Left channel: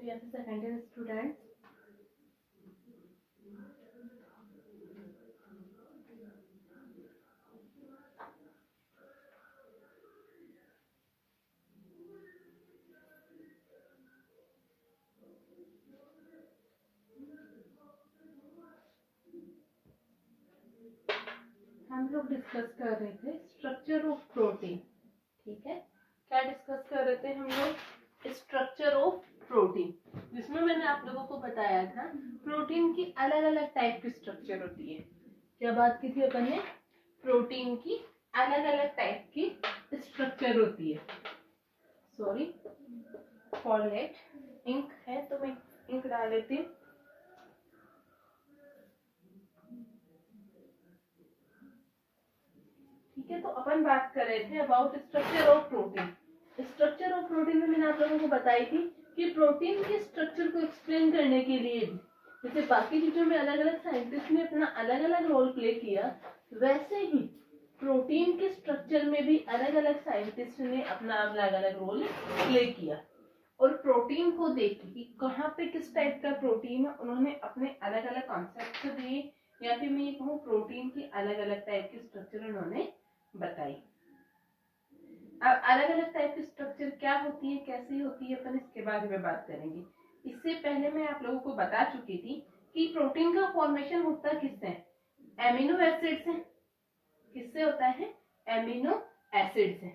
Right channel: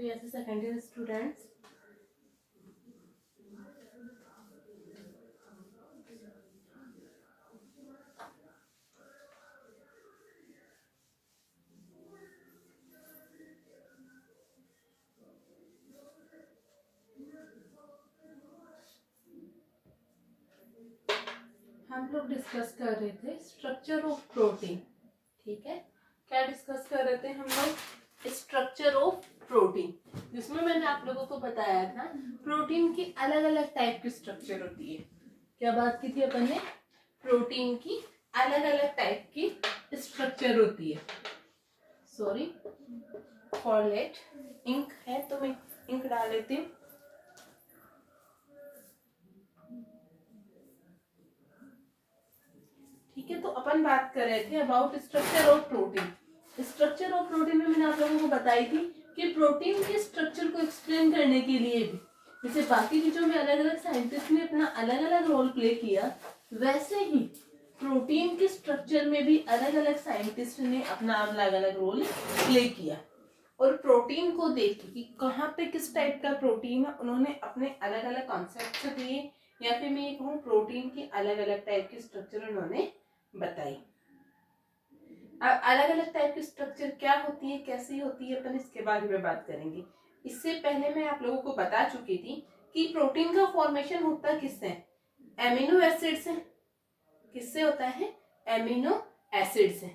BSc second year students. हम लोग discuss कर रहे थे स्ट्रक्चर ऑफ प्रोटीन। ठीक है, क्या डिस्कस कर रहे थे हम लोग? स्ट्रक्चर ऑफ प्रोटीन, जिसमें मैंने आप लोगों को बताया था प्रोटीन की अलग अलग टाइप की स्ट्रक्चर होती है। क्या बात की थी अपन ने? प्रोटीन की अलग अलग टाइप की स्ट्रक्चर होती है। सॉरी फॉर लेट, इंक है तो मैं इंक डाल लेती हूँ। ठीक है, तो अपन बात कर रहे थे about structure of protein. Structure of protein में मैंने आप लोगों को बताई थी कि प्रोटीन के स्ट्रक्चर को एक्सप्लेन करने के लिए भी, जैसे बाकी चीजों में अलग अलग साइंटिस्ट ने अपना अलग अलग रोल प्ले किया, वैसे ही प्रोटीन के स्ट्रक्चर में भी अलग अलग साइंटिस्ट ने अपना अलग अलग रोल प्ले किया। और प्रोटीन को देख कि कहाँ पे किस टाइप का प्रोटीन है, उन्होंने अपने अलग अलग कॉन्सेप्ट दिए, या फिर मैं ये कहूँ प्रोटीन की अलग अलग टाइप की स्ट्रक्चर उन्होंने बताई। अब अलग अलग टाइप की स्ट्रक्चर क्या होती है, कैसी होती है, अपन इसके बारे में बात करेंगे। इससे पहले मैं आप लोगों को बता चुकी थी कि प्रोटीन का फॉर्मेशन होता किससे? एमिनो एसिड से। किससे होता है? एमिनो एसिड से।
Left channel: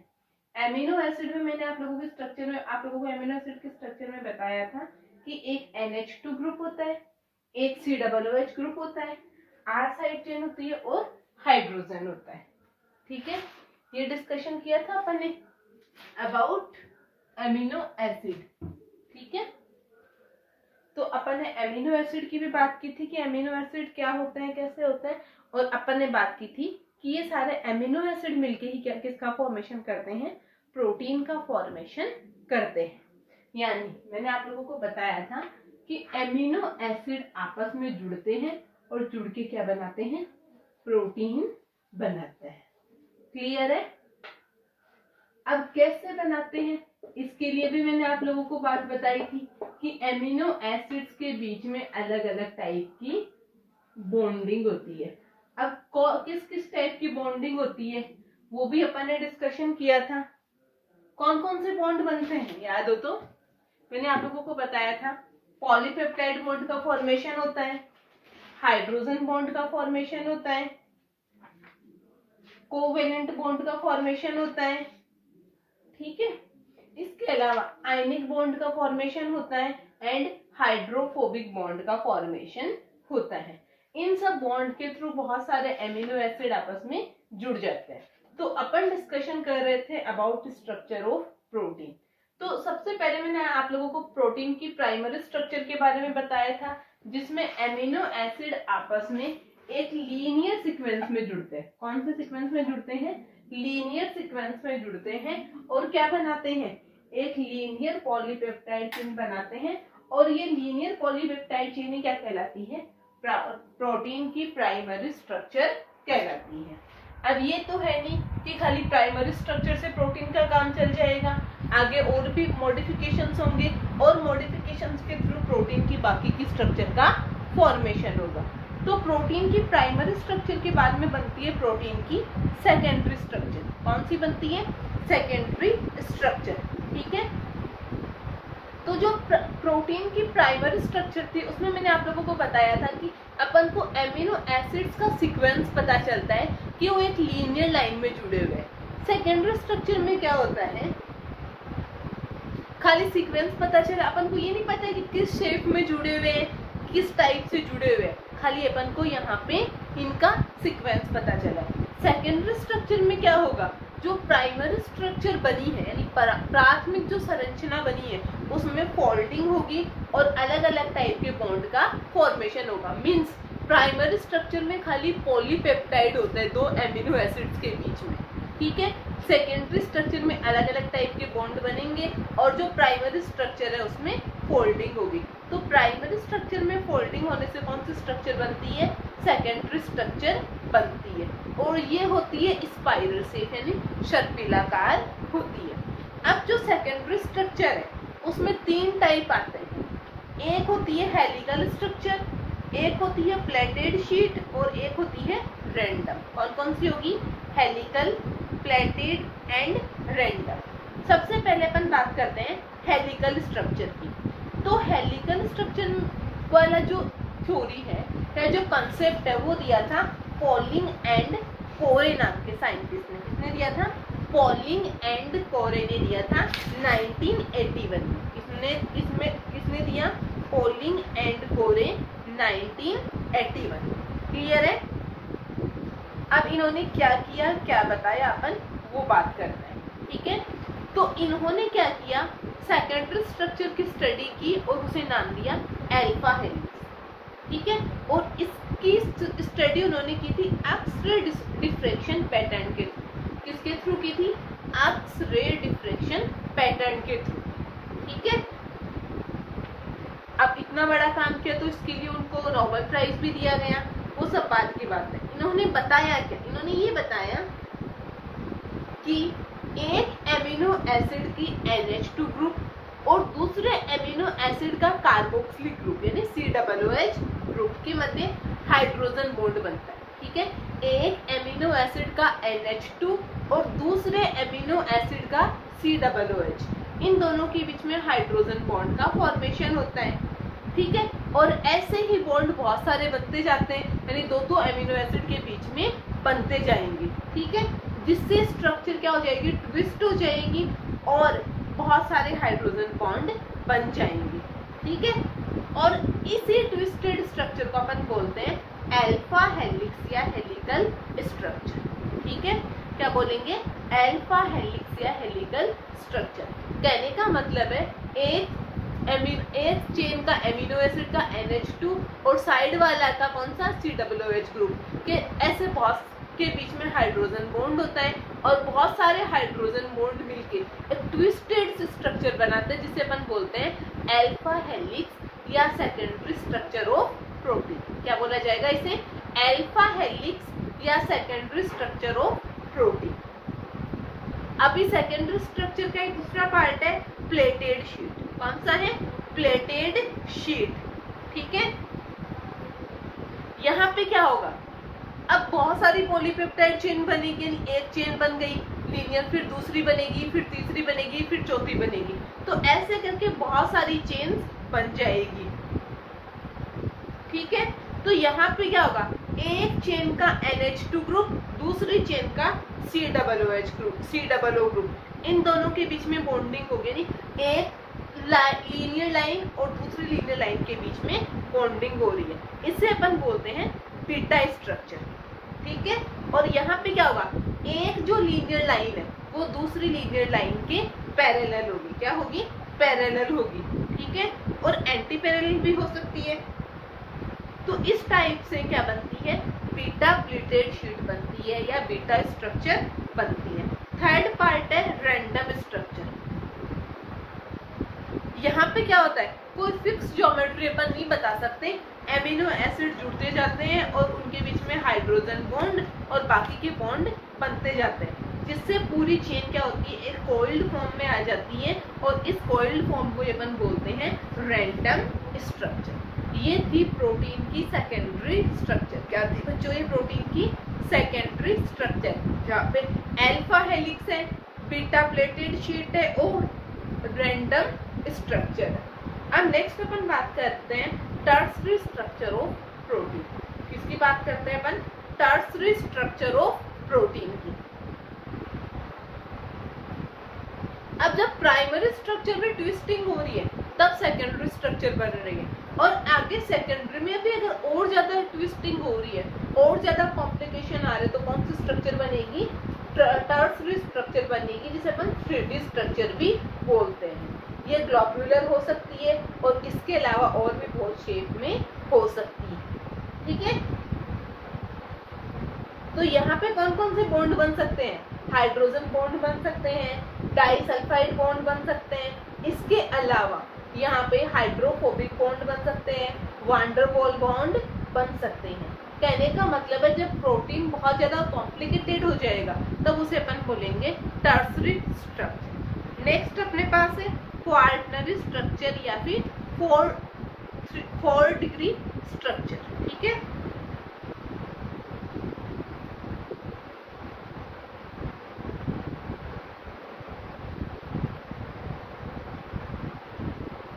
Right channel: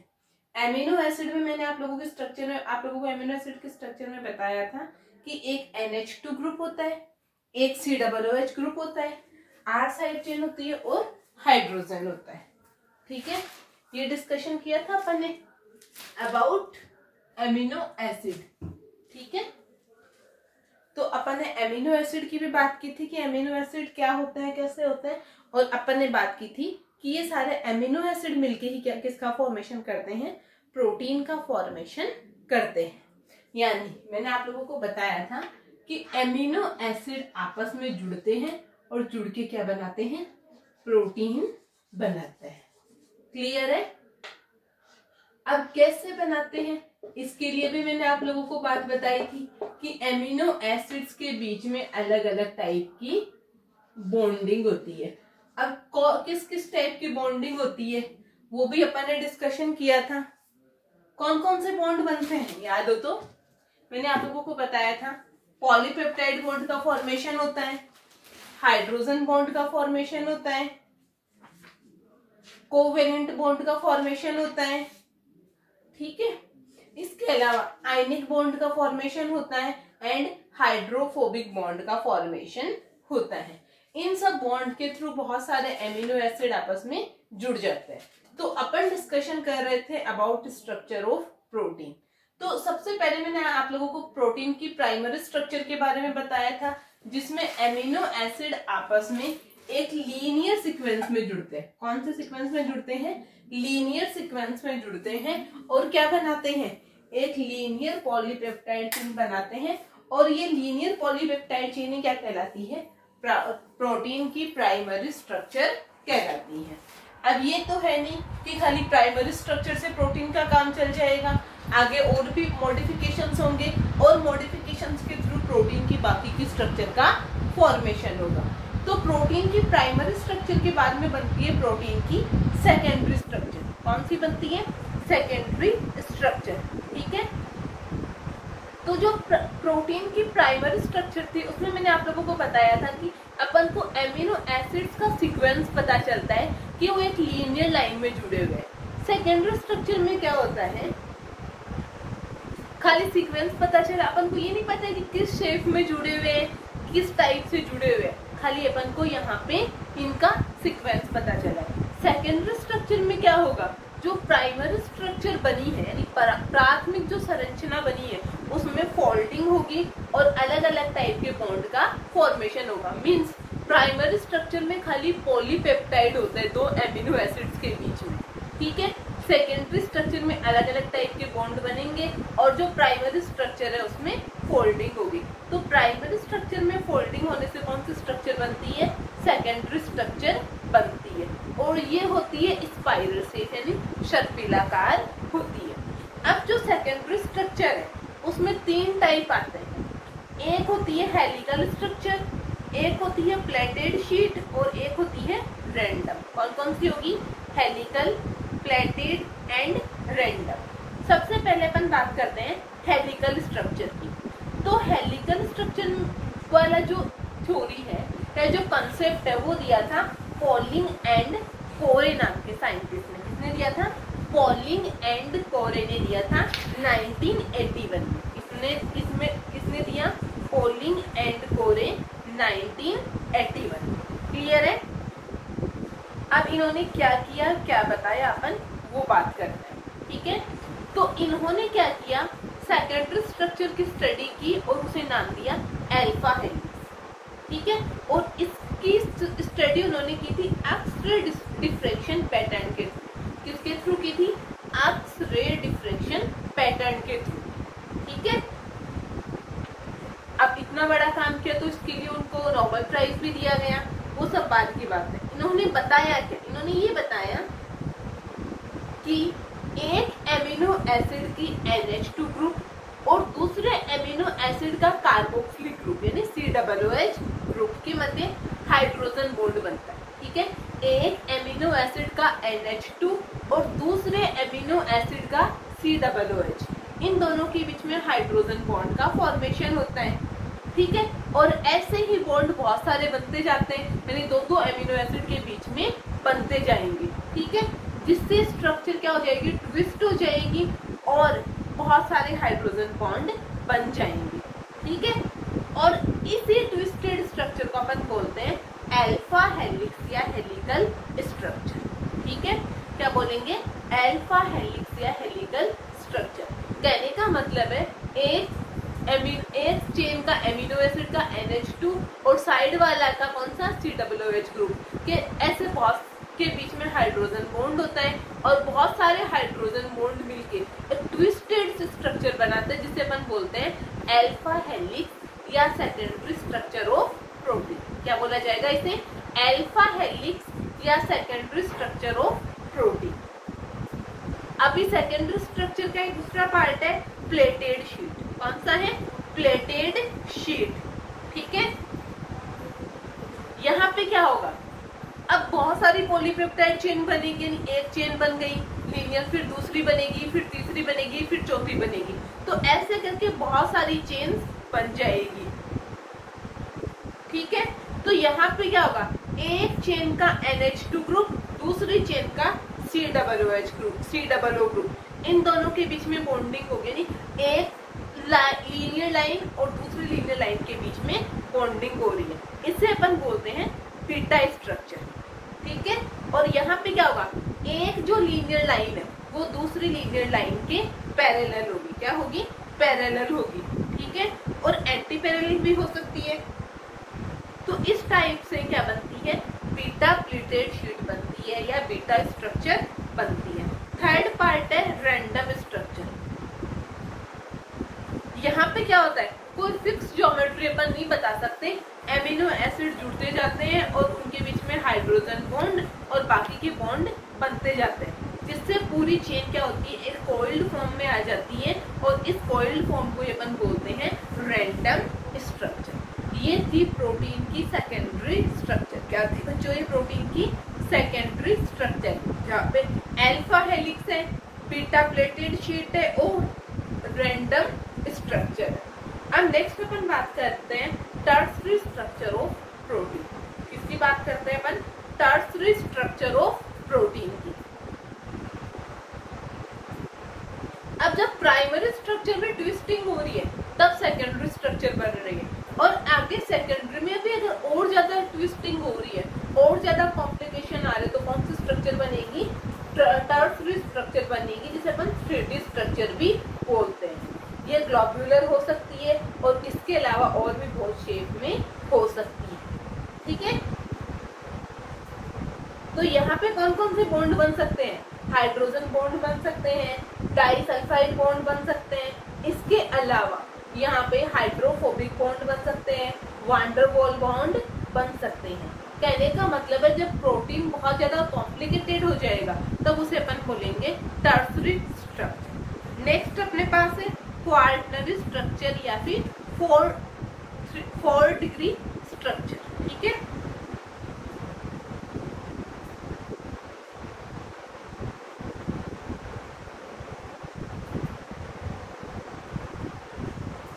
एमिनो एसिड में मैंने आप लोगों के स्ट्रक्चर में, आप लोगों को एमिनो एसिड के स्ट्रक्चर में बताया था कि एक NH2 ग्रुप होता है, एक COOH ग्रुप होता है, R साइड चेन होती है और हाइड्रोजन होता है। ठीक है, ये डिस्कशन किया था अपन ने अबाउट एमिनो एसिड। ठीक है, तो अपन ने एमिनो एसिड की भी बात की थी कि एमिनो एसिड क्या होता है, कैसे होता है, और अपन ने बात की थी कि ये सारे एमिनो एसिड मिलके ही क्या किसका फॉर्मेशन करते हैं? प्रोटीन का फॉर्मेशन करते हैं। यानी मैंने आप लोगों को बताया था कि एमिनो एसिड आपस में जुड़ते हैं और जुड़ के क्या बनाते हैं? प्रोटीन बनाते हैं। क्लियर है? अब कैसे बनाते हैं, इसके लिए भी मैंने आप लोगों को बात बताई थी कि एमिनो एसिड्स के बीच में अलग अलग टाइप की बॉन्डिंग होती है। अब किस किस टाइप की बॉन्डिंग होती है वो भी अपन ने डिस्कशन किया था। कौन कौन से बॉन्ड बनते हैं याद हो तो? मैंने आप लोगों को बताया था पॉलीपेप्टाइड बॉन्ड का फॉर्मेशन होता है, हाइड्रोजन बॉन्ड का फॉर्मेशन होता है, कोवेलेंट बॉन्ड का फॉर्मेशन होता है। ठीक है, इसके अलावा आयनिक बॉन्ड का फॉर्मेशन होता है एंड हाइड्रोफोबिक बॉन्ड का फॉर्मेशन होता है। इन सब बॉन्ड के थ्रू बहुत सारे एमिनो एसिड आपस में जुड़ जाते हैं। तो अपन डिस्कशन कर रहे थे अबाउट स्ट्रक्चर ऑफ प्रोटीन। तो सबसे पहले मैंने आप लोगों को प्रोटीन की प्राइमरी स्ट्रक्चर के बारे में बताया था, जिसमें एमिनो एसिड आपस में एक लीनियर सीक्वेंस में जुड़ते हैं। कौन से सीक्वेंस में जुड़ते हैं? लीनियर सीक्वेंस में जुड़ते हैं और क्या बनाते हैं? एक लीनियर पॉलीपेप्टाइड चेन बनाते हैं। और ये लीनियर पॉलीपेप्टाइड चेन क्या कहलाती है? प्रोटीन की प्राइमरी स्ट्रक्चर कहलाती है। अब ये तो है नहीं कि खाली प्राइमरी स्ट्रक्चर से प्रोटीन का काम चल जाएगा, आगे और भी मॉडिफिकेशंस होंगे और मॉडिफिकेशंस के थ्रू प्रोटीन की बाकी की स्ट्रक्चर का फॉर्मेशन होगा। तो प्रोटीन की प्राइमरी स्ट्रक्चर के बाद में बनती है प्रोटीन की सेकेंडरी स्ट्रक्चर। कौन सी बनती है? Secondary structure. ठीक है, तो जो प्रोटीन की प्राइमरी स्ट्रक्चर थी उसमें मैंने आप लोगों को बताया था कि अपन को एमिनो एसिड्स का सीक्वेंस पता चलता है कि वो एक लीनियर लाइन में जुड़े हुए हैं। सेकेंडरी स्ट्रक्चर में क्या होता है? खाली सीक्वेंस पता चला, अपन को ये नहीं पता कि किस शेप में जुड़े हुए, किस टाइप से जुड़े हुए, खाली अपन को यहाँ पे इनका सीक्वेंस पता चला। सेकेंडरी स्ट्रक्चर में क्या होगा? जो प्राइमरी स्ट्रक्चर बनी है, यानी प्राथमिक जो संरचना बनी है, उसमें फोल्डिंग होगी और अलग अलग टाइप के बॉन्ड का फॉर्मेशन होगा। मींस प्राइमरी स्ट्रक्चर में खाली पॉलीपेप्टाइड होता है दो एमिनो एसिड्स के बीच में। ठीक है, सेकेंडरी स्ट्रक्चर में अलग अलग टाइप के बॉन्ड बनेंगे और जो प्राइमरी स्ट्रक्चर है उसमें फोल्डिंग होगी। तो प्राइमरी स्ट्रक्चर में फोल्डिंग होने से कौन सी स्ट्रक्चर बनती है? सेकेंडरी स्ट्रक्चर बनती है और ये होती है स्पाइरल शेप, यानी शर्पिलाकार होती है। अब जो सेकेंडरी स्ट्रक्चर है उसमें तीन टाइप आते हैं। एक होती है हेलिकल स्ट्रक्चर, एक होती है प्लेटेड शीट और एक होती है रैंडम। और कौन सी होगी? Helical, plated and random. सबसे पहले अपन बात करते हैं हेलिकल स्ट्रक्चर की। तो हेलिकल स्ट्रक्चर वाला जो थ्योरी है जो कंसेप्ट है, वो दिया था पॉलिंग एंड कोरे नाम के साइंटिस्ट ने। किसने दिया था? पॉलिंग एंड कोरे ने दिया था 1981 में। किसने दिया? पॉलिंग एंड कोरे 1981। क्लियर है? अब इन्होंने क्या किया, क्या बताया, अपन वो बात करते हैं। ठीक है, तो इन्होंने क्या किया, सेकेंडरी स्ट्रक्चर की स्टडी की और उसे नाम दिया अल्फा हेलिक्स। ठीक है, और इसकी स्टडी उन्होंने की थी एक्स-रे डिफ्रैक्शन पैटर्न के थ्रू। किसके थ्रू की थी? एक्स-रे डिफ्रैक्शन पैटर्न के थ्रू। ठीक है, अब इतना बड़ा काम किया तो इसके लिए उनको नोबेल प्राइज भी दिया गया, वो सब बात की बात है। इन्होंने बताया क्या? इन्होंने ये बताया कि एक एमिनो एसिड की NH2 ग्रुप और दूसरे एमिनो एसिड का कार्बोक्सिलिक ग्रुप यानी COOH ग्रुप के मध्य हाइड्रोजन बॉन्ड बनता है। ठीक है, एक एमिनो एसिड का NH2 और दूसरे एमिनो एसिड का COOH, इन दोनों के बीच में हाइड्रोजन बॉन्ड का फॉर्मेशन होता है। ठीक है, और ऐसे ही बॉन्ड बहुत सारे बनते जाते हैं, यानी दो एमिनो एसिड के बीच में बनते जाएंगे। ठीक है, जिससे स्ट्रक्चर क्या हो जाएगी? ट्विस्ट हो जाएगी और बहुत सारे हाइड्रोजन बॉन्ड बन जाएंगे। ठीक है, और इसी ट्विस्टेड स्ट्रक्चर को अपन बोलते हैं अल्फा हेलिक्स या हेलिकल स्ट्रक्चर। ठीक है, क्या बोलेंगे? अल्फा हेलिक्स या हेलिकल स्ट्रक्चर। कहने का मतलब है एक चेन का एमिनो एसिड का NH2 और साइड वाला का कौन सा? COOH ग्रुप के ऐसे बहुत के बीच में हाइड्रोजन बॉन्ड होता है और बहुत सारे हाइड्रोजन बॉन्ड मिलके एक ट्विस्टेड स्ट्रक्चर बनाते हैं, जिसे अपन बोलते हैं अल्फा हेलिक्स या सेकेंडरी स्ट्रक्चर ऑफ प्रोटीन। क्या बोला जाएगा इसे? अल्फा हेलिक्स या सेकेंडरी स्ट्रक्चर ऑफ प्रोटीन। अभी सेकेंडरी स्ट्रक्चर का एक दूसरा पार्ट है प्लेटेड शीट। कौन सा है? Pleated sheet. ठीक है, यहाँ पे क्या होगा? अब बहुत सारी पॉलीपेप्टाइड चेन बनेगी, एक चेन बन गई लीनियर, फिर दूसरी बनेगी, फिर तीसरी बनेगी, फिर चौथी बनेगी, तो ऐसे करके बहुत सारी चेन बन जाएगी। ठीक है, तो यहाँ पे क्या होगा? एक चेन का NH2 ग्रुप, दूसरी चेन का COOH ग्रुप, इन दोनों के बीच में बॉन्डिंग होगी, यानी एक लीनियर लाइन और दूसरी लीनियर लाइन के बीच में बॉन्डिंग हो रही है। इसे अपन बोलते हैं बीटा स्ट्रक्चर। ठीक है, और यहाँ पे क्या होगा? एक जो लीनियर लाइन है वो दूसरी लीनियर लाइन के पैरेलल होगी। क्या होगी? पैरेलल होगी। ठीक है, और एंटी पैरेलल भी हो सकती है। तो इस टाइप से क्या बनती है? बीटा प्लेटेड शीट बनती है या बीटा स्ट्रक्चर बनती है। थर्ड पार्ट है रैंडम स्ट्रक्चर। यहाँ पे क्या होता है? कोई फिक्स ज्योमेट्री अपन नहीं बता सकते, एमिनो एसिड जुड़ते जाते हैं और उनके बीच में हाइड्रोजन बॉन्ड और बाकी के बॉन्ड बनते जाते हैं, जिससे पूरी चेन क्या होती है? एक कॉइल्ड फॉर्म में आ जाती है और इस कॉइल्ड फॉर्म को अपन बोलते हैं रैंडम स्ट्रक्चर। ये थी प्रोटीन की सेकेंडरी स्ट्रक्चर। क्या थी बच्चों? ये प्रोटीन की सेकेंडरी स्ट्रक्चर, जहाँ पे अल्फा हेलिक्स है, बीटा प्लेटेड शीट है और रैंडम स्ट्रक्चर है। अब नेक्स्ट अपन बात करते हैं टर्सरी स्ट्रक्चर ऑफ प्रोटीन। किसकी बात करते हैं अपन? टर्सरी स्ट्रक्चर ऑफ प्रोटीन की। अब जब प्राइमरी स्ट्रक्चर में ट्विस्टिंग हो रही है तब सेकेंडरी स्ट्रक्चर बन रही है, और आगे सेकेंडरी में भी अगर और ज्यादा ट्विस्टिंग हो रही है, और ज्यादा कॉम्प्लिकेशन आ रहे तो कौन सी स्ट्रक्चर बनेगी? टर्सरी स्ट्रक्चर बनेगी, जिसे अपन 3D स्ट्रक्चर भी बोलते हैं। ये ग्लोब्यूलर हो सकती है और इसके अलावा और भी बहुत शेप में हो सकती है। ठीक है, तो यहाँ पे कौन कौन से बॉन्ड बन सकते हैं? हाइड्रोजन बॉन्ड बन सकते हैं, डाइसल्फाइड बॉन्ड बन सकते हैं, इसके अलावा यहाँ पे हाइड्रोफोबिक बॉन्ड बन सकते हैं, वांडरवॉल बॉन्ड बन सकते हैं। कहने का मतलब है जब प्रोटीन बहुत ज्यादा कॉम्प्लिकेटेड हो जाएगा तब उसे अपन बोलेंगे टर्सरी स्ट्रक्चर। नेक्स्ट अपने पास है क्वार्टनरी स्ट्रक्चर या फिर 4 डिग्री स्ट्रक्चर, ठीक है।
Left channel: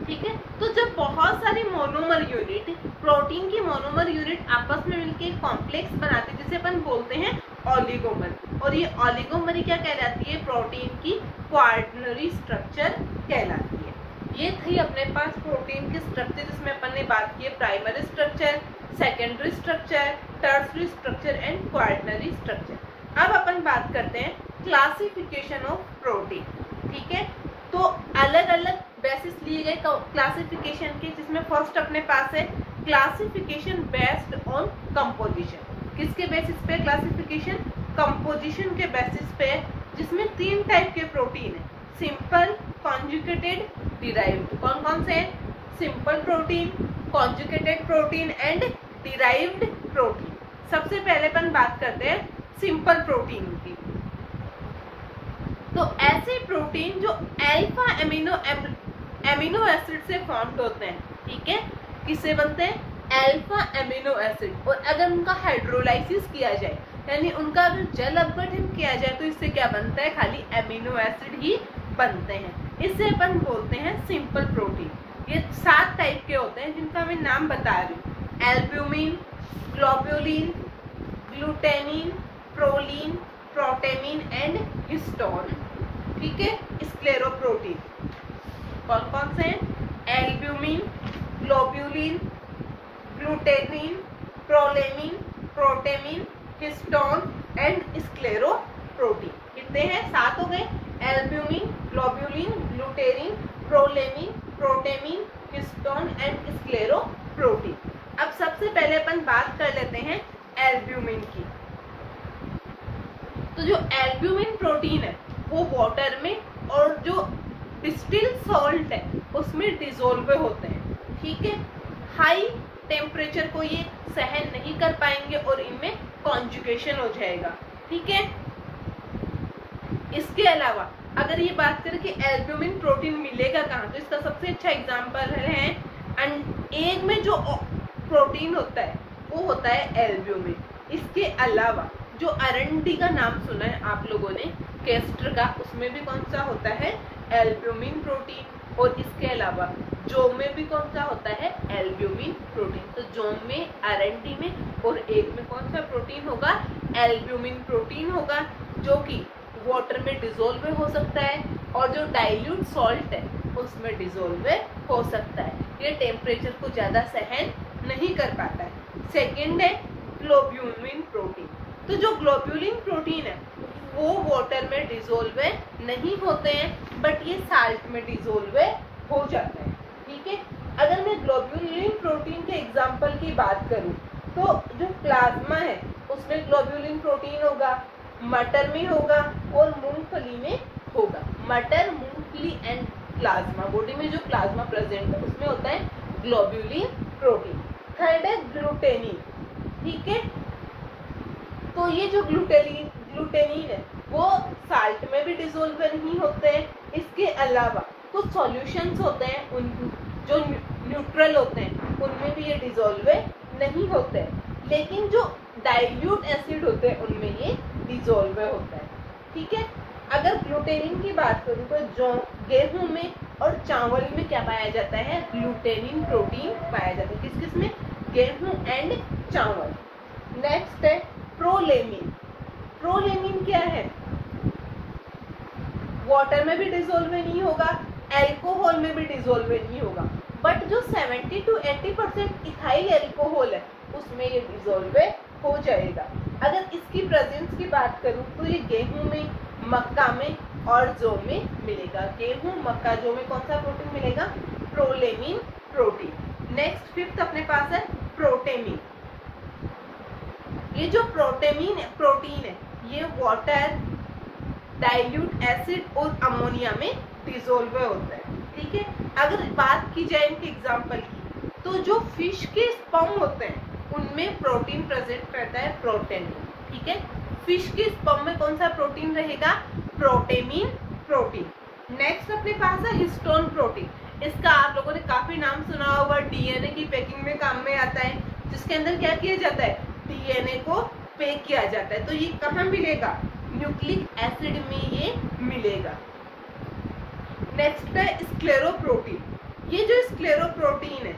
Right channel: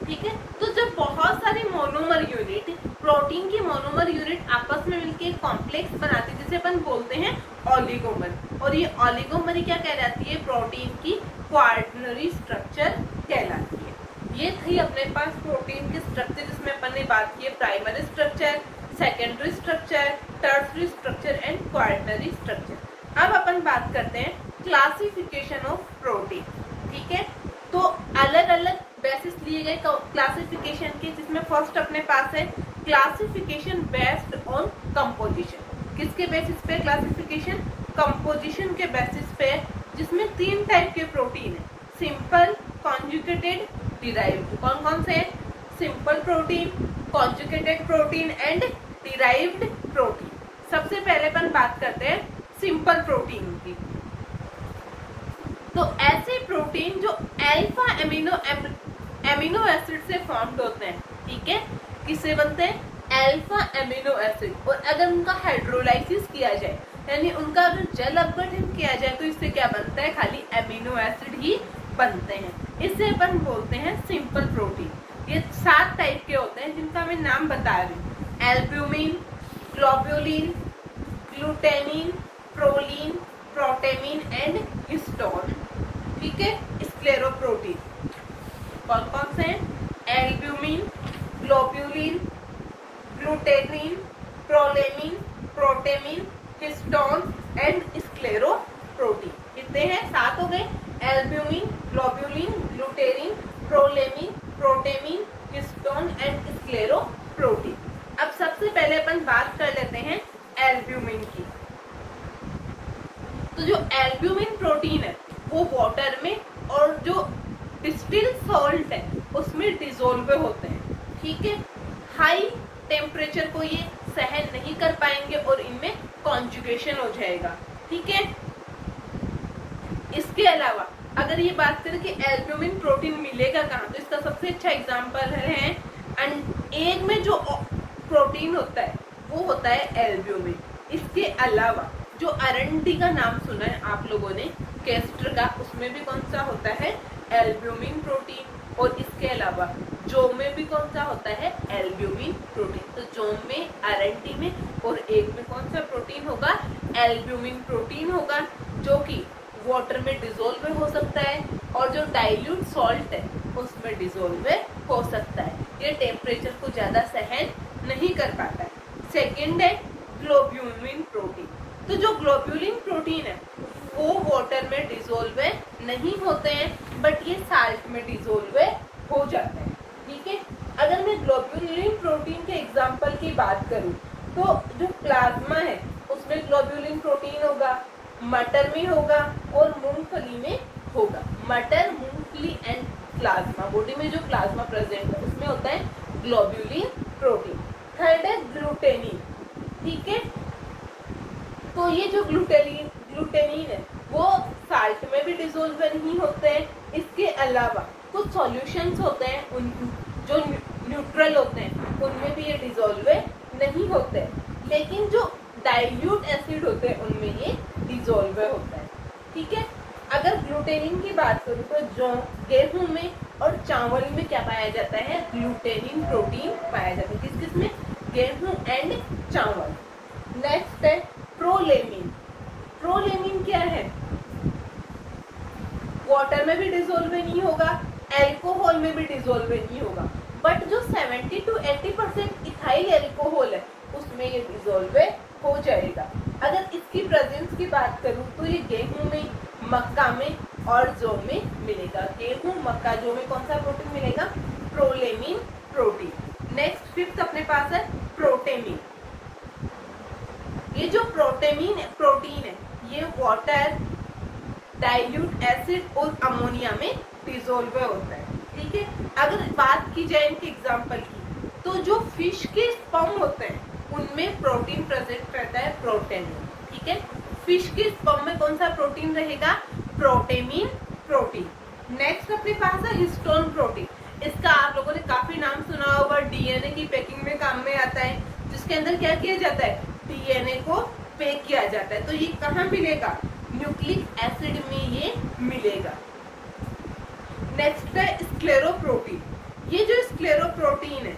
ठीक है, तो जब बहुत सारे मोनोमर यूनिट, प्रोटीन की मोनोमर यूनिट आपस में मिलकर कॉम्प्लेक्स बनाते हैं जिसे अपन बोलते हैं ऑलिगोमर, और ये ऑलिगोमर क्या कहलाती है, प्रोटीन की क्वार्टनरी स्ट्रक्चर कहलाती है। ये थी अपने पास प्रोटीन की स्ट्रक्चर जिसमें अपन ने बात की है primary structure, secondary structure, tertiary structure and quaternary structure. अब अपन बात करते हैं क्लासिफिकेशन ऑफ प्रोटीन, ठीक है। तो अलग अलग बेसिस लिए गए क्लासिफिकेशन के, जिसमें फर्स्ट अपने पास है क्लासिफिकेशन बेस्ड ऑन कंपोजिशन। किसके बेसिस पे क्लासिफिकेशन, कंपोजिशन के बेसिस पे, जिसमें 3 टाइप के प्रोटीन है, सिंपल, कॉन्जुगेटेड, डिराइव्ड। कौन कौन से हैं, simple protein, conjugated protein and derived protein. सबसे पहले अपन बात करते हैं सिंपल प्रोटीन की। तो ऐसे प्रोटीन जो अल्फा एमिनो एसिड से फॉर्म्ड होते हैं, ठीक है, किससे बनते हैं, अल्फा एमिनो एसिड। और अगर उनका हाइड्रोलाइसिस किया जाए, यानी उनका अगर जल अपघटन किया जाए, तो इससे क्या बनता है, खाली एमिनो एसिड ही बनते हैं। इससे अपन बोलते हैं सिंपल प्रोटीन। ये 7 टाइप के होते हैं जिनका मैं नाम बता रही हूँ, albumin, globulin, glutenin, proline, protamine and histone, ठीक है। स्क्लेरोप्रोटीन कौन कौन से हैं, albumin, globulin, glutenin, prolamin, protamine, histone and scleroprotein. कितने हैं, 7 हो गए, albumin, globulin, glutenin, prolamin, protamine, histone and scleroprotein. अब सबसे पहले अपन बात कर लेते हैं एल्ब्यूमिन की। तो जो एल्ब्यूमिन प्रोटीन है वो वाटर में और जो डिस्टिल सॉल्ट है उसमें डिसोल्व होते हैं, ठीक है। हाई टेम्परेचर को ये सहन नहीं कर पाएंगे और इनमें कॉन्जुगेशन हो जाएगा, ठीक है। इसके अलावा अगर ये बात करें कि एल्ब्यूमिन प्रोटीन मिलेगा कहाँ, तो इसका सबसे अच्छा एग्जांपल है एग में जो प्रोटीन होता है वो होता है एल्ब्यूमिन। इसके अलावा जो अरंडी का नाम सुना है आप लोगों ने, केस्टर का, उसमें भी कौन सा होता है, एल्ब्यूमिन प्रोटीन। और इसके अलावा जोम में भी कौन सा होता है, एल्ब्यूमिन प्रोटीन। तो जोम में, अरंडी में और एग में कौन सा प्रोटीन होगा, एल्ब्यूमिन प्रोटीन होगा, जो कि वाटर में डिसोल्व हो सकता है और जो डाइल्यूट सॉल्ट है उसमें डिसोल्व हो सकता है। ये टेम्परेचर को ज्यादा सहन नहीं कर पाता है। सेकेंड है ग्लोब्यूलिन प्रोटीन। तो जो ग्लोब्यूलिन प्रोटीन है वो वाटर में डिसोल्व नहीं होते हैं, बट ये साल्ट में डिसोल्व हो जाते हैं, ठीक है। अगर मैं ग्लोब्यूलिन प्रोटीन के एग्जांपल की बात करूं तो जो प्लाज्मा है उसमें ग्लोब्यूलिन प्रोटीन होगा, मटर में होगा और मूंगफली में होगा। मटर, मूंगफली एंड प्लाज्मा, बॉडी में जो प्लाज्मा प्रेजेंट है उसमें होता है ग्लोब्यूलिन प्रोटीन। थर्ड है ग्लूटेनिन, ठीक है। तो ये जो ग्लूटेनिन है वो साल्ट में भी डिसोल्व नहीं होते हैं। इसके अलावा कुछ सॉल्यूशंस होते हैं उन जो न्यूट्रल होते हैं उनमें भी ये डिसोल्व नहीं होते, लेकिन जो डाइल्यूट एसिड होते हैं उनमें ये डिसोल्व होता है, ठीक है। अगर ग्लूटेनिन की बात करूं तो जो गेहूं में और चावल में क्या पाया जाता है, ग्लूटेनिन प्रोटीन पाया जाता है। किस किस में, गेहूं एंड चावल। नेक्स्ट है प्रोलेमिन। प्रोलेमिन क्या है, वाटर में भी डिसोल्व नहीं होगा, एल्कोहल में भी डिसोल्व नहीं होगा, बट जो 70 to 80% इथाइल एल्कोहल है उसमें ये डिसोल्व हो जाएगा। अगर इसकी प्रेजेंस की बात करूं तो ये गेहूं में, मक्का में और जौ में मिलेगा। गेहूं, मक्का, जौ में कौन सा प्रोटीन मिलेगा, प्रोलेमिन प्रोटीन। नेक्स्ट फिफ्थ अपने पास है प्रोटेमिन। ये जो प्रोटीन है ये वाटर, डाइल्यूट एसिड और अमोनिया में डिसोल्व होता है, ठीक है। अगर बात की जाए इनके एग्जांपल की तो जो फिश के स्पर्म होते हैं उनमें प्रोटीन प्रेजेंट रहता है, प्रोटेमिन, ठीक है। फिश के स्पर्म में कौन सा प्रोटीन रहेगा, प्रोटेमिन प्रोटीन। नेक्स्ट अपने पास है हिस्टोन प्रोटीन। इसका आप लोगों ने काफी नाम सुना होगा, डीएनए की पैकिंग में काम में आता है, जिसके अंदर क्या किया जाता है, डीएनए को पैक किया जाता है। तो ये कहाँ मिलेगा, न्यूक्लिक एसिड में ये मिलेगा। नेक्स्ट है स्क्लेरोप्रोटीन। ये जो स्क्लेरोप्रोटीन है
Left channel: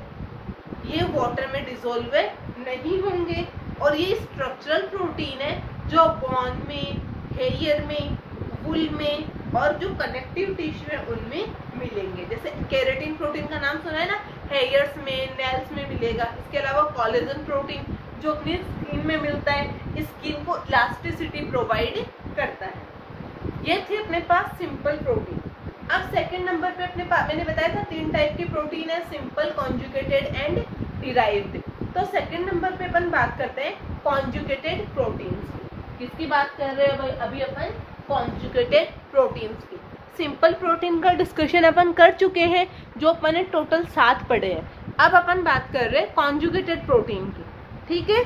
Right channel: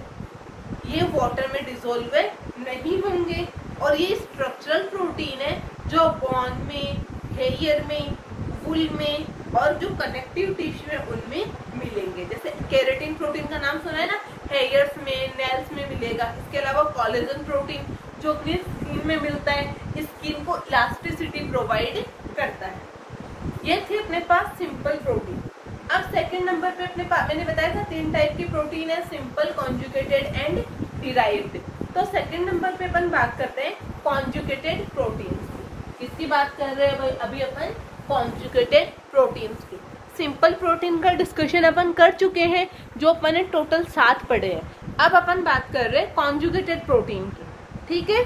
ये वाटर में डिसोल्व नहीं होंगे और ये स्ट्रक्चरल प्रोटीन है जो बोन में, हेयर में, वूल में और जो कनेक्टिव टिश्यू है उनमें मिलेंगे। जैसे केराटिन प्रोटीन का नाम सुना है ना, हेयर्स में, नेल्स में मिलेगा। इसके अलावा कोलेजन प्रोटीन जो अपनी स्किन में मिलता है, स्किन को इलास्टिसिटी प्रोवाइड करता है। ये थे अपने पास सिंपल प्रोटीन। अब सेकंड नंबर पे अपने पास मैंने बताया था 3 टाइप के प्रोटीन है, सिंपल, कॉन्जुगेटेड एंड डिराइव्ड। तो सेकंड नंबर पे अपन बात करते हैं कॉन्जुगेटेड प्रोटीन्स की। किसकी बात कर रहे हैं भाई, अभी अपन कॉन्जुगेटेड प्रोटीन्स की। सिंपल प्रोटीन का डिस्कशन अपन कर चुके हैं, जो अपन ने टोटल 7 पढ़े हैं। अब अपन बात कर रहे हैं कॉन्जुगेटेड प्रोटीन की, ठीक है।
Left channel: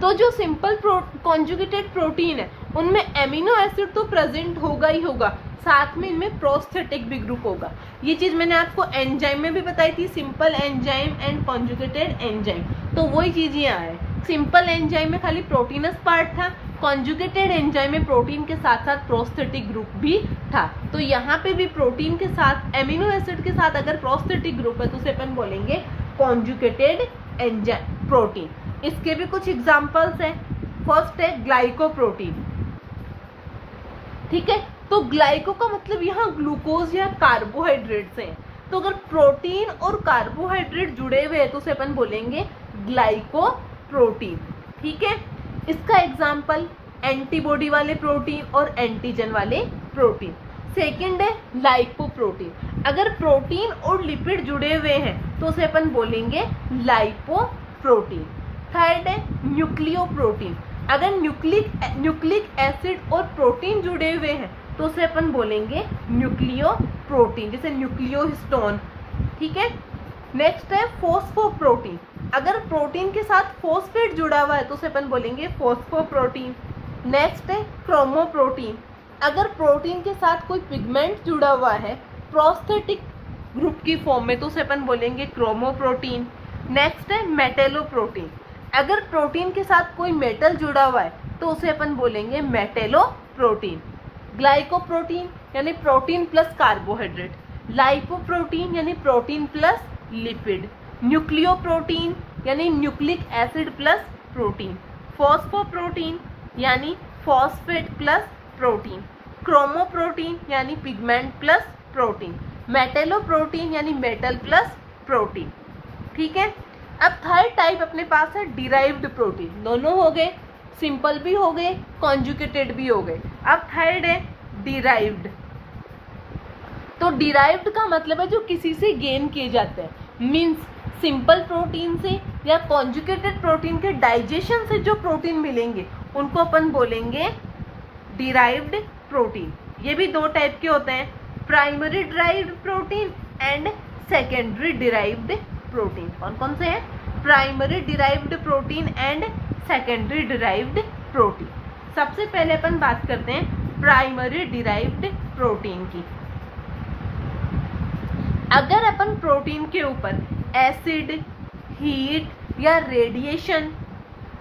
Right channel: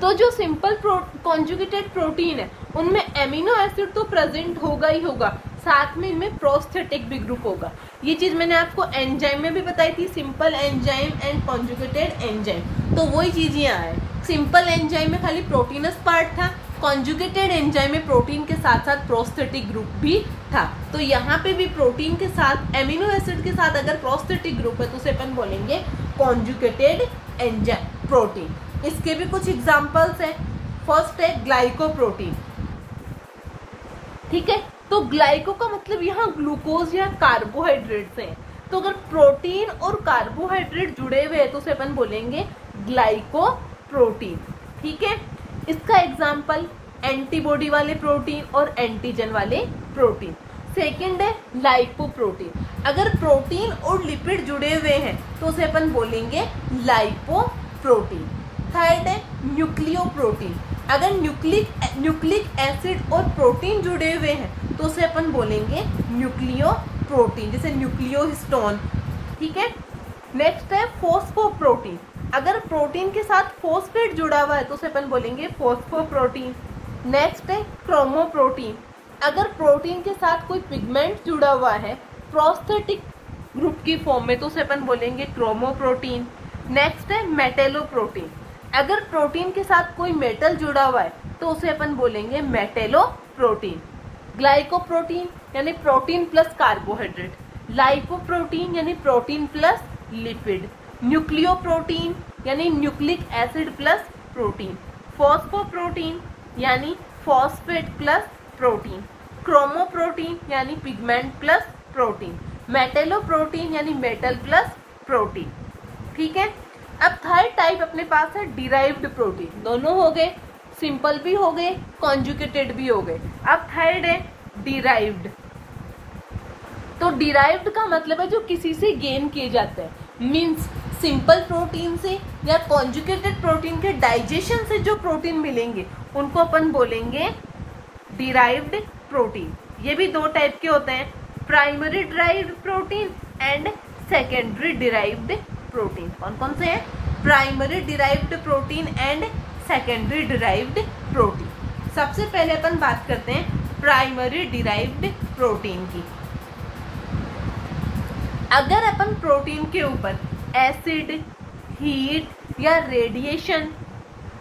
तो जो सिंपल कॉन्जुगेटेड प्रोटीन है उनमें एमिनो एसिड तो प्रेजेंट होगा ही होगा, साथ में इनमें प्रोस्थेटिक भी ग्रुप होगा। ये चीज मैंने आपको एंजाइम में भी बताई थी, simple enzyme and conjugated enzyme. तो वही चीज यहाँ है, सिंपल एंजाइम में खाली प्रोटीनस पार्ट था, कॉन्जुगेटेड एंजाइम में प्रोटीन के साथ साथ प्रोस्थेटिक ग्रुप भी था। तो यहाँ पे भी प्रोटीन के साथ एमिनो एसिड के साथ अगर प्रोस्थेटिक ग्रुप है तो उसे अपन बोलेंगे कॉन्जुगेटेड एंजाइम प्रोटीन। इसके भी कुछ एग्जांपल्स हैं। फर्स्ट है ग्लाइकोप्रोटीन, ठीक है। तो ग्लाइको का मतलब यहाँ ग्लूकोज या कार्बोहाइड्रेट्स हैं। तो अगर प्रोटीन और कार्बोहाइड्रेट जुड़े हुए हैं तो उसे अपन बोलेंगे ग्लाइकोप्रोटीन, ठीक है। इसका एग्जांपल एंटीबॉडी वाले प्रोटीन और एंटीजन वाले प्रोटीन। सेकंड है लाइपोप्रोटीन। अगर प्रोटीन और लिपिड जुड़े हुए हैं तो उसे अपन बोलेंगे लाइपोप्रोटीन। थर्ड है न्यूक्लियोप्रोटीन। अगर न्यूक्लिक एसिड और प्रोटीन जुड़े हुए हैं तो उसे अपन बोलेंगे न्यूक्लियोप्रोटीन, जैसे न्यूक्लियोहिस्टोन, ठीक है। नेक्स्ट है फॉस्फोप्रोटीन। अगर प्रोटीन के साथ फॉस्फेट जुड़ा हुआ है तो उसे अपन बोलेंगे फॉस्फोप्रोटीन। नेक्स्ट है क्रोमोप्रोटीन। अगर प्रोटीन के साथ कोई पिगमेंट जुड़ा हुआ है प्रोस्थेटिक ग्रुप की फॉर्म में तो उसे अपन बोलेंगे क्रोमोप्रोटीन। नेक्स्ट है मेटेलोप्रोटीन। अगर प्रोटीन के साथ कोई मेटल जुड़ा हुआ है तो उसे अपन बोलेंगे मेटेलोप्रोटीन। ग्लाइकोप्रोटीन यानी प्रोटीन प्लस कार्बोहाइड्रेट, लाइपोप्रोटीन यानी प्रोटीन प्लस लिपिड, न्यूक्लियोप्रोटीन यानी न्यूक्लिक एसिड प्लस प्रोटीन, फॉस्फोप्रोटीन यानी फॉस्फेट प्लस प्रोटीन, क्रोमोप्रोटीन यानी पिगमेंट प्लस प्रोटीन, मेटेलोप्रोटीन यानी मेटल प्लस प्रोटीन, ठीक है। अब थर्ड टाइप अपने पास है डिराइव्ड प्रोटीन। दोनों हो गए, सिंपल भी हो गए, कॉन्जुगेटेड भी हो गए। अब थर्ड है डिराइव्ड। तो डिराइव्ड का मतलब है जो किसी से गेन किए जाते हैं, मींस सिंपल प्रोटीन से या कॉन्जुगेटेड प्रोटीन के डाइजेशन से जो प्रोटीन मिलेंगे उनको अपन बोलेंगे डिराइव्ड प्रोटीन। ये भी 2 टाइप के होते हैं, primary derived protein and secondary derived protein. कौन कौन से हैं, primary derived protein and secondary derived protein. सबसे पहले अपन बात करते हैं प्राइमरी डिराइव्ड प्रोटीन की। अगर अपन प्रोटीन के ऊपर एसिड, हीट या रेडिएशन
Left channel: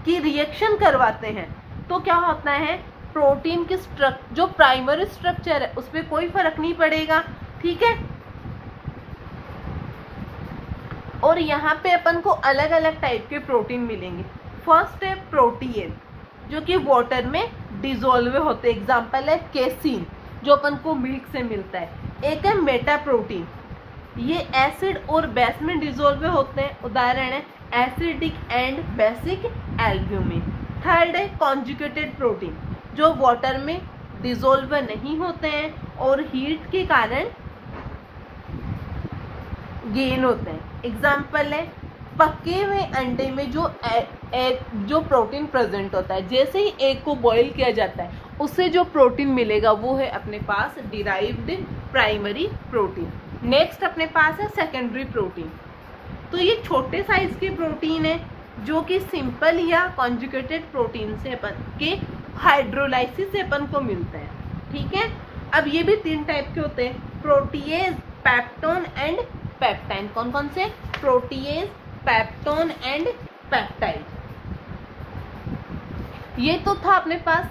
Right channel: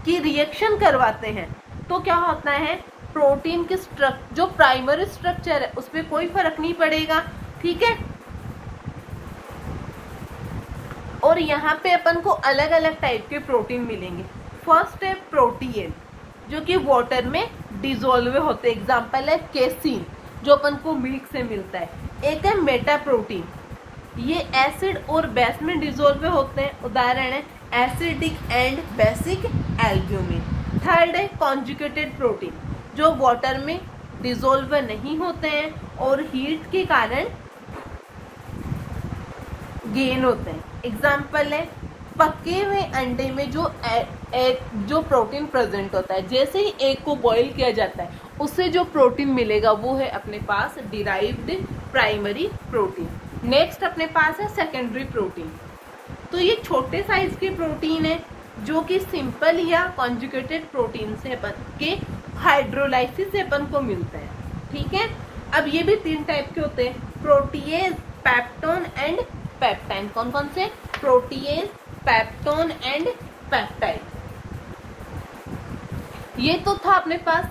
की रिएक्शन करवाते हैं तो क्या होता है, प्रोटीन के जो प्राइमरी स्ट्रक्चर है उस पर कोई फर्क नहीं पड़ेगा, ठीक है। और यहाँ पे अपन को अलग अलग टाइप के प्रोटीन मिलेंगे। फर्स्ट है प्रोटीन जो कि वाटर में डिसॉल्व होते हैं, एग्जांपल है केसीन जो अपन को मिल्क से मिलता है। एक है मेटा प्रोटीन, ये एसिड और बेस में डिसॉल्व होते हैं, उदाहरण है acidic and basic albumin. Third है कॉन्जुगेटेड प्रोटीन जो वाटर में डिसॉल्व नहीं होते हैं और हीट के कारण गेन होते हैं, एग्जाम्पल है पके हुए अंडे में जो प्रोटीन प्रेजेंट होता है, जैसे ही एग को बॉईल किया जाता है उससे जो प्रोटीन मिलेगा वो है अपने पास डिराइव्ड प्राइमरी प्रोटीन। नेक्स्ट अपने पास है सेकेंडरी प्रोटीन। तो ये छोटे साइज के प्रोटीन है जो कि सिंपल या कॉन्जुगेटेड प्रोटीन से अपन के हाइड्रोलाइसिस से अपन को मिलता है, ठीक है। अब ये भी 3 टाइप के होते हैं, प्रोटीएज, पेप्टोन एंड पेप्टाइड। कौन कौन से? Protease, peptone and peptide. ये तो था अपने पास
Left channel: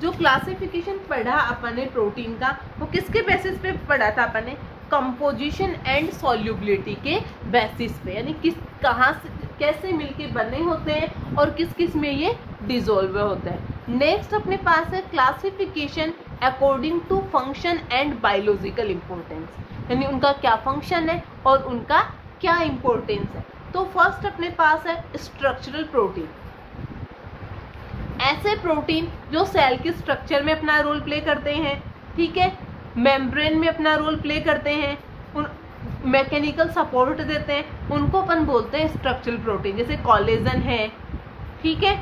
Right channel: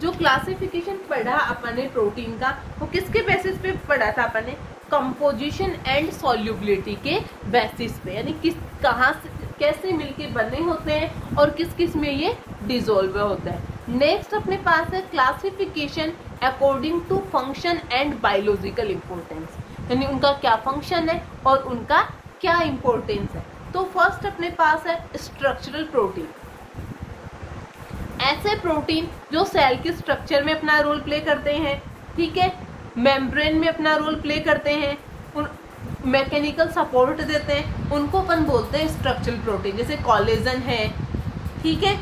जो क्लासिफिकेशन पढ़ा अपन ने प्रोटीन का, वो किसके बेसिस पे पढ़ा था अपन ने? कंपोजिशन एंड सॉल्युबिलिटी के बेसिस पे, यानी किस कहाँ से कैसे मिलके बने होते हैं और किस किस में ये डिसॉल्व होता है। नेक्स्ट अपने पास है classification according to function and biological importance, यानी उनका क्या फंक्शन है और उनका क्या इंपॉर्टेंस है। तो फर्स्ट अपने पास है स्ट्रक्चरल प्रोटीन। ऐसे प्रोटीन जो सेल के स्ट्रक्चर में अपना रोल प्ले करते हैं, ठीक है, मेम्ब्रेन में अपना रोल प्ले करते हैं, मैकेनिकल सपोर्ट देते हैं, उनको अपन बोलते हैं स्ट्रक्चरल प्रोटीन। जैसे कोलेजन है, ठीक है,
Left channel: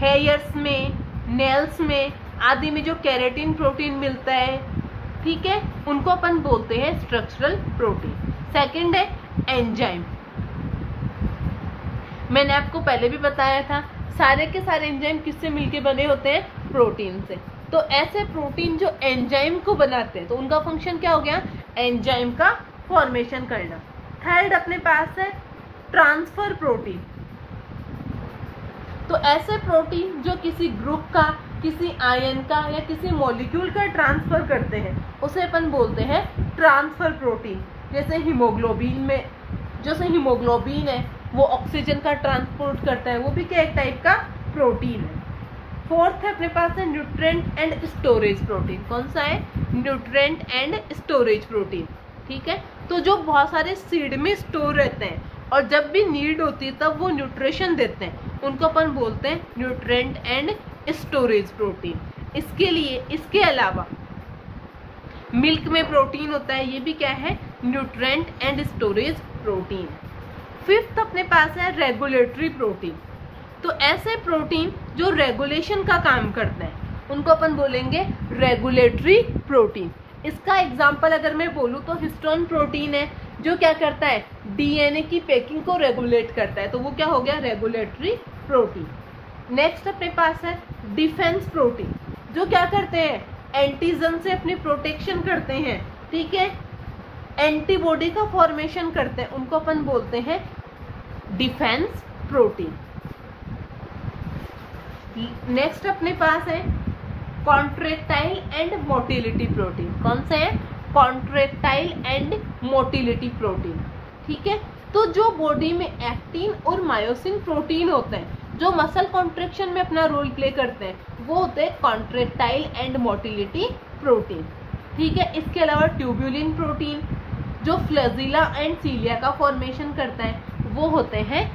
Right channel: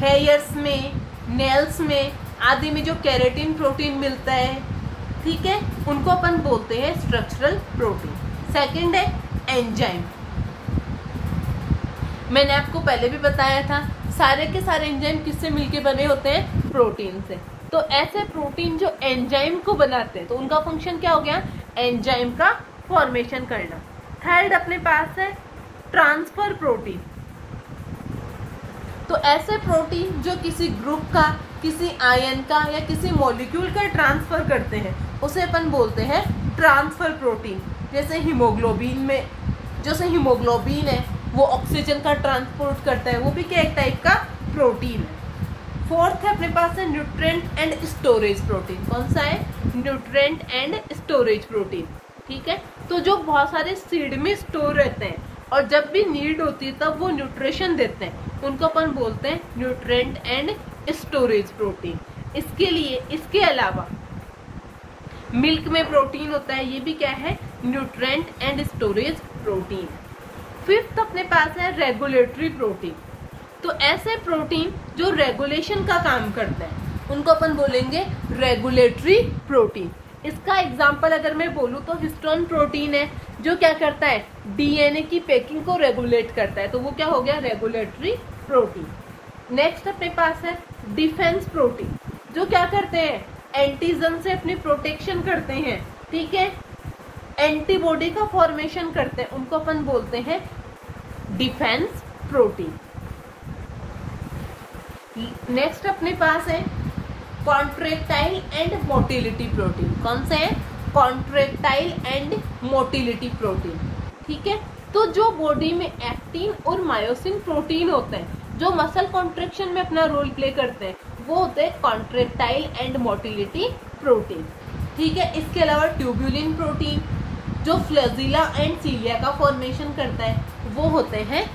हेयर्स में, नेल्स में आदि में जो केराटिन प्रोटीन मिलता है, ठीक है, उनको अपन बोलते हैं स्ट्रक्चरल प्रोटीन। सेकंड है एंजाइम। मैंने आपको पहले भी बताया था सारे के सारे एंजाइम किससे मिलके बने होते हैं? प्रोटीन से। तो ऐसे प्रोटीन जो एंजाइम को बनाते हैं, तो उनका फंक्शन क्या हो गया? एंजाइम का फॉर्मेशन करना। थर्ड अपने पास है ट्रांसफर प्रोटीन। तो ऐसे प्रोटीन जो किसी ग्रुप का, किसी आयन का या किसी मॉलिक्यूल का ट्रांसफर करते हैं, उसे अपन बोलते हैं ट्रांसफर प्रोटीन। जैसे हीमोग्लोबिन में, जैसे हीमोग्लोबिन है वो ऑक्सीजन का ट्रांसपोर्ट करता है, वो भी क्या एक टाइप का प्रोटीन है। फोर्थ है अपने पास है न्यूट्रिएंट एंड स्टोरेज प्रोटीन। कौन सा है? न्यूट्रिएंट एंड स्टोरेज प्रोटीन, ठीक है। तो जो बहुत सारे सीड में स्टोर रहते हैं और जब भी नीड होती है तब वो न्यूट्रिशन देते हैं, उनको अपन बोलते हैं न्यूट्रिएंट एंड स्टोरेज प्रोटीन। इसके लिए, इसके अलावा मिल्क में प्रोटीन होता है, ये भी क्या है? Nutrient and storage protein. Fifth अपने पास है रेगुलेटरी प्रोटीन। तो ऐसे प्रोटीन जो रेगुलेशन का काम करते हैं, उनको अपन बोलेंगे रेगुलेटरी प्रोटीन। इसका एग्जांपल अगर मैं बोलूँ तो हिस्टोन प्रोटीन है, जो क्या करता है? डीएनए की पैकिंग को रेगुलेट करता है, तो वो क्या हो गया? Regulatory protein. नेक्स्ट अपने पास है डिफेंस प्रोटीन, जो क्या करते हैं? एंटीजन से अपनी प्रोटेक्शन करते हैं, ठीक है, एंटीबॉडी का फॉर्मेशन करते हैं, उनको अपन बोलते हैं डिफेंस प्रोटीन। नेक्स्ट अपने पास है कॉन्ट्रैक्टाइल एंड मोटिलिटी प्रोटीन। कौन सा है? कॉन्ट्रैक्टाइल एंड मोटिलिटी प्रोटीन, ठीक है। तो जो बॉडी में एक्टिन और मायोसिन प्रोटीन होते हैं, जो मसल कॉन्ट्रैक्शन में अपना रोल प्ले करते हैं, वो होते हैं कॉन्ट्रैक्टाइल एंड मोटिलिटी प्रोटीन, ठीक है। इसके अलावा ट्यूबुलिन प्रोटीन जो फ्लैजिला एंड सीलिया का फॉर्मेशन करता है, वो होते हैं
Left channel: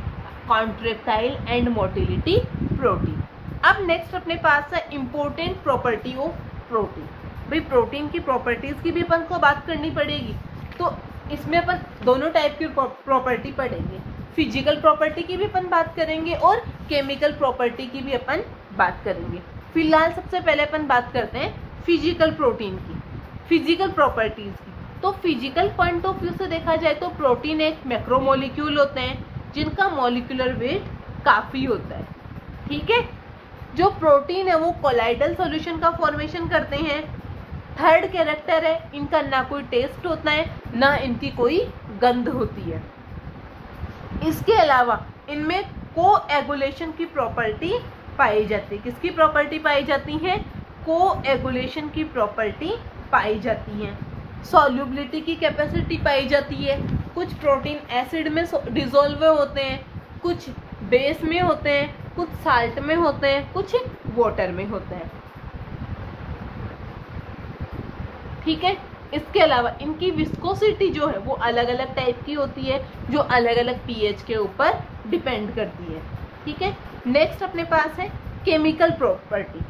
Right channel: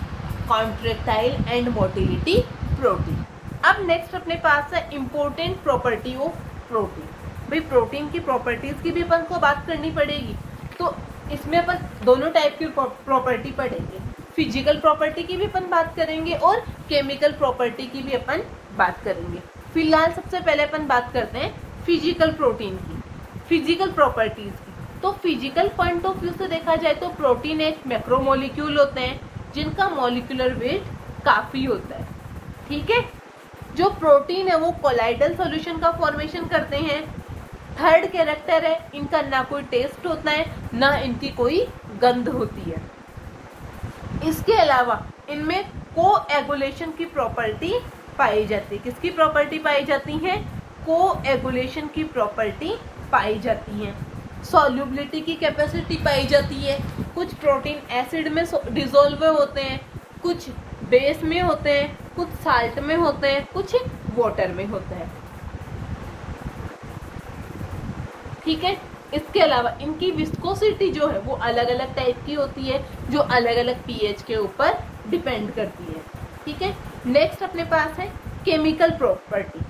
कॉन्ट्रैक्टाइल एंड मोटिलिटी प्रोटीन। अब नेक्स्ट अपने पास है इम्पोर्टेंट प्रॉपर्टी ऑफ प्रोटीन। भाई प्रोटीन की प्रॉपर्टीज की भी अपन को बात करनी पड़ेगी, तो इसमें अपन दोनों टाइप की प्रॉपर्टी पढ़ेंगे। फिजिकल प्रॉपर्टी की भी अपन बात करेंगे और केमिकल प्रॉपर्टी की भी अपन बात करेंगे। फिलहाल सबसे पहले अपन बात करते हैं फिजिकल प्रोटीन की, फिजिकल प्रॉपर्टीज की। तो फिजिकल पॉइंट ऑफ व्यू से देखा जाए तो प्रोटीन एक मैक्रोमोलिक्यूल होते हैं जिनका मॉलिक्यूलर वेट काफी होता है, ठीक है। जो प्रोटीन है वो कोलाइडल सॉल्यूशन का फॉर्मेशन करते हैं। थर्ड कैरेक्टर है, इनका ना कोई टेस्ट होता है ना इनकी कोई गंध होती है। इसके अलावा इनमें कोएगुलेशन की प्रॉपर्टी पाई जाती है। किसकी प्रॉपर्टी पाई जाती है? कोएगुलेशन की प्रॉपर्टी पाई जाती है। सॉल्युबिलिटी की कैपेसिटी पाई जाती है। कुछ प्रोटीन एसिड में डिसॉल्व होते हैं, कुछ बेस में होते हैं, कुछ साल्ट में होते हैं, कुछ वाटर में होते हैं, ठीक है। इसके अलावा इनकी विस्कोसिटी जो है वो अलग अलग टाइप की होती है, जो अलग अलग पीएच के ऊपर डिपेंड करती है, ठीक है। नेक्स्ट अपने पास है केमिकल प्रॉपर्टी।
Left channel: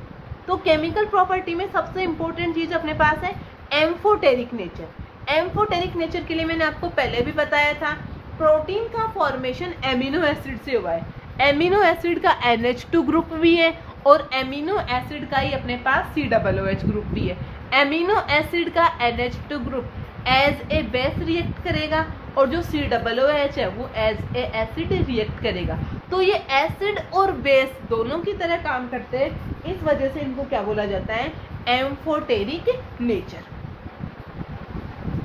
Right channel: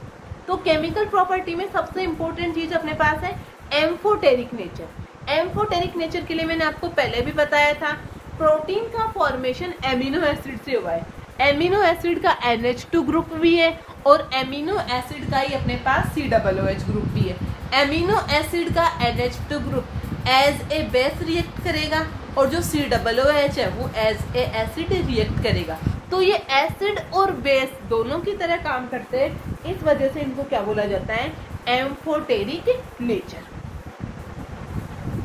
तो केमिकल प्रॉपर्टी में सबसे इंपॉर्टेंट चीज अपने पास है एम्फोटेरिक नेचर। एम्फोटेरिक नेचर के लिए मैंने आपको पहले भी बताया था, प्रोटीन का फॉर्मेशन एमिनो एसिड से हुआ है। एमिनो एसिड का NH2 ग्रुप भी है और एमिनो एसिड का ही अपने पास COOH ग्रुप भी है। एमिनो एसिड का NH2 group as a base react करेगा और जो COOH है वो एज ए एसिड रिएक्ट करेगा। तो ये एसिड और बेस दोनों की तरह काम करते हैं, इस वजह से इनको क्या बोला जाता है? Amphoteric nature.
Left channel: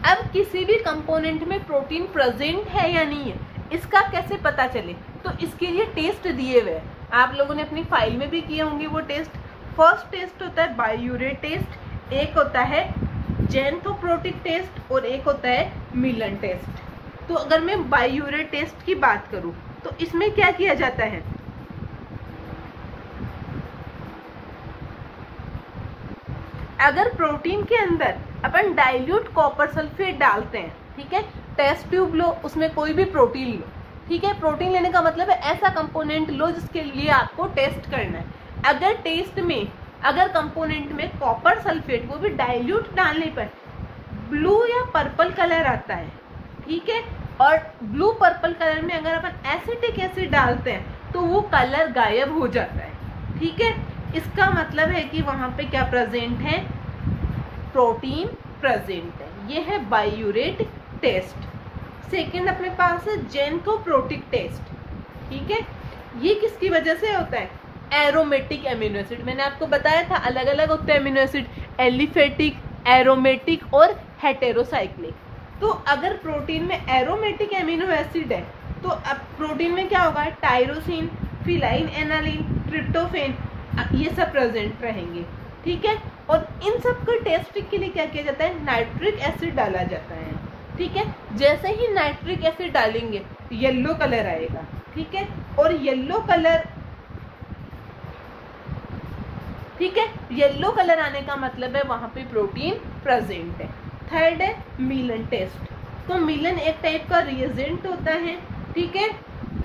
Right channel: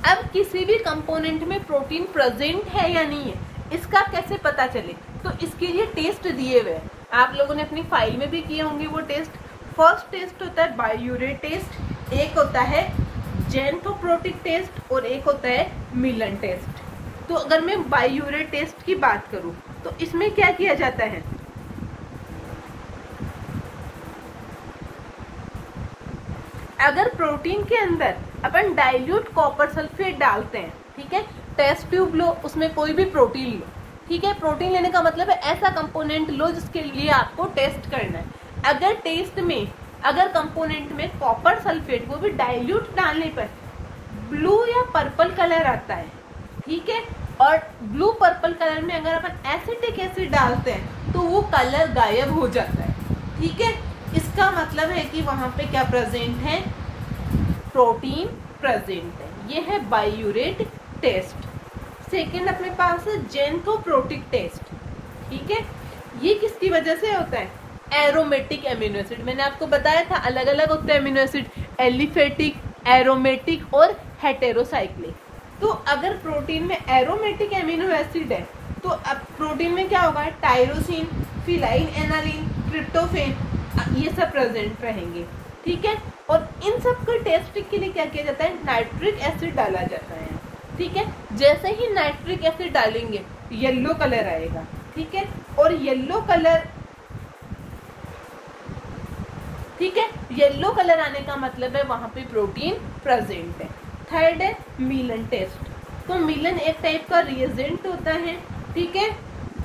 अब किसी भी कंपोनेंट में प्रोटीन प्रेजेंट है या नहीं है, इसका कैसे पता चले? तो इसके लिए टेस्ट दिए हुए हैं, आप लोगों ने अपनी फाइल में भी किए होंगे वो टेस्ट। फर्स्ट टेस्ट होता है बायूरेट टेस्ट, एक होता है जेंथोप्रोटिक टेस्ट और एक होता है मिलन टेस्ट। तो अगर मैं बायूरेट टेस्ट की बात करूं तो इसमें क्या किया जाता है, अगर प्रोटीन के अंदर अपन डाइल्यूट कॉपर सल्फेट डालते हैं, ठीक है, टेस्ट ट्यूब लो, उसमें कोई भी प्रोटीन लो, ठीक है, प्रोटीन लेने का मतलब है ऐसा कंपोनेंट लो जिसके लिए आपको टेस्ट करना है। अगर टेस्ट में अगर कंपोनेंट में कॉपर सल्फेट, वो भी डाइल्यूट डालने पर ब्लू या पर्पल कलर आता है, ठीक है, और ब्लू पर्पल कलर में अगर अपन एसिटिक एसिड डालते हैं तो वो कलर गायब हो जाता है, ठीक है। इसका मतलब है कि वहां पे क्या प्रेजेंट है, प्रोटीन प्रेजेंट है। ये है बायूरेट टेस्ट। सेकंड अपने पास है जेंथोप्रोटिक टेस्ट, ठीक है, ये किसकी वजह से होता है, एरोमेटिक एमिनो एसिड। मैंने आपको बताया था अलग अलग होते हैं एमिनो एसिड, एलिफेटिक, एरोमेटिक और हेटेरोसाइक्लिक। तो अगर प्रोटीन में एरोमेटिक एमिनो एसिड है तो अब प्रोटीन में क्या होगा, टायरोसिन, फिनाइल एनालिन, ट्रिप्टोफेन, ये सब प्रेजेंट रहेंगे, ठीक है। और इन सब को टेस्ट के लिए क्या किया जाता है, नाइट्रिक एसिड डाला जाता है, ठीक है। जैसे ही नाइट्रिक एसिड डालेंगे येलो कलर आएगा, ठीक है, और येलो कलर, ठीक है, येलो कलर आने का मतलब है वहां पे प्रोटीन प्रेजेंट है। थर्ड है मिलन टेस्ट। तो मिलन एक टाइप का रिएजेंट होता है, ठीक है,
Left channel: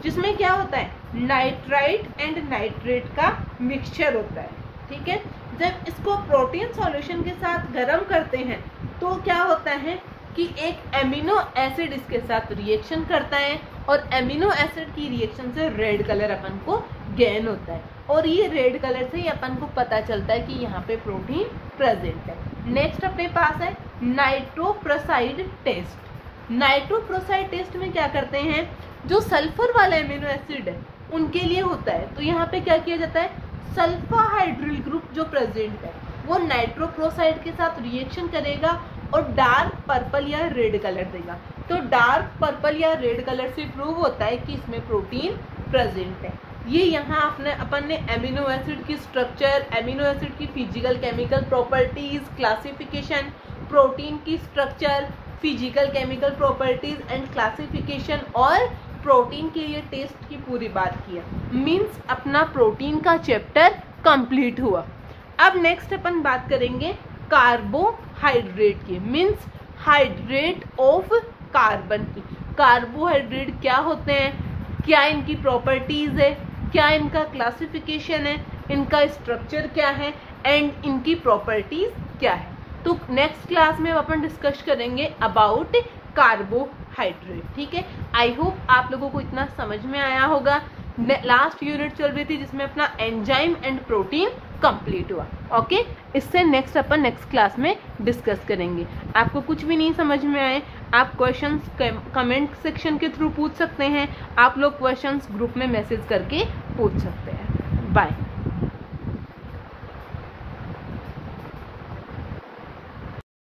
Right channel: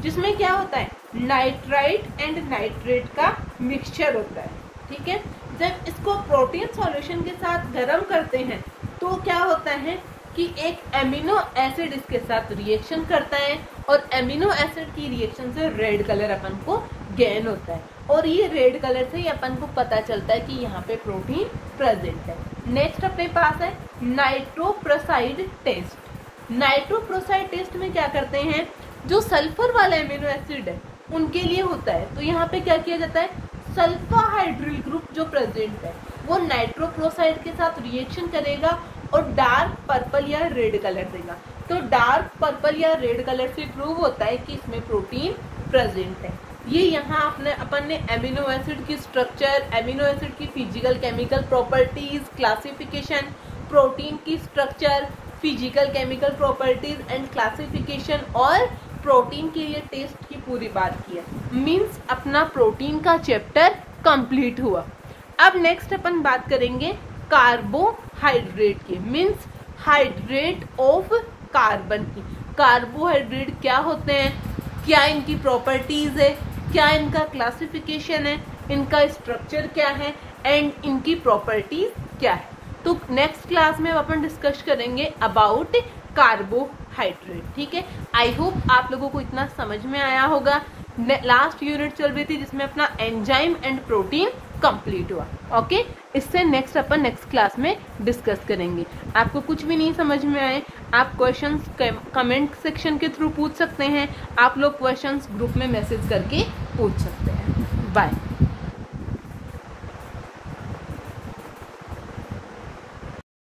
जिसमें क्या होता है, नाइट्राइट एंड नाइट्रेट का मिक्सचर होता है, ठीक है। जब इसको प्रोटीन सॉल्यूशन के साथ गर्म करते हैं तो क्या होता है कि एक एमिनो एसिड इसके साथ रिएक्शन करता है और एमिनो एसिड की रिएक्शन से रेड कलर अपन को गेन होता है, और ये रेड कलर से ही अपन को पता चलता है कि यहाँ पे प्रोटीन प्रेजेंट है। नेक्स्ट अपने पास है नाइट्रोप्रोसाइड टेस्ट। नाइट्रोप्रोसाइड टेस्ट में क्या करते हैं, जो सल्फर वाला एमिनो एसिड है उनके लिए होता है, तो यहाँ पे क्या किया जाता है, सल्फाहाइड्रिल ग्रुप जो प्रेजेंट है वो नाइट्रोप्रोसाइड के साथ रिएक्शन करेगा और डार्क पर्पल या रेड कलर देगा। तो डार्क पर्पल या रेड कलर से प्रूव होता है कि इसमें प्रोटीन प्रेजेंट है। ये यहाँ अपन ने एमिनो एसिड की स्ट्रक्चर, एमिनो एसिड की physical chemical properties, classification, protein की structure, physical chemical properties and classification और प्रोटीन के लिए टेस्ट की पूरी बात किया। मीन्स अपना प्रोटीन का चैप्टर कंप्लीट हुआ। अब नेक्स्ट अपन बात करेंगे कार्बोहाइड्रेट की, मीन्स हाइड्रेट ऑफ कार्बन की। कार्बोहाइड्रेट क्या होते हैं, क्या इनकी प्रॉपर्टीज है, क्या इनका क्लासिफिकेशन है, इनका स्ट्रक्चर क्या है एंड इनकी प्रॉपर्टीज क्या है। तो नेक्स्ट क्लास में अपन डिस्कस करेंगे अबाउट कार्बोहाइड्रेट, ठीक है। आई होप आप लोगों को इतना समझ में आया होगा। लास्ट यूनिट चल रही थी जिसमें अपना एंजाइम एंड प्रोटीन कंप्लीट हुआ, ओके। इससे नेक्स्ट अपन नेक्स्ट क्लास में डिस्कस करेंगे। आपको कुछ भी नहीं समझ में आए, आप क्वेश्चंस कमेंट सेक्शन के थ्रू पूछ सकते हैं, आप लोग क्वेश्चंस ग्रुप में मैसेज करके पूछ सकते हैं। बाय।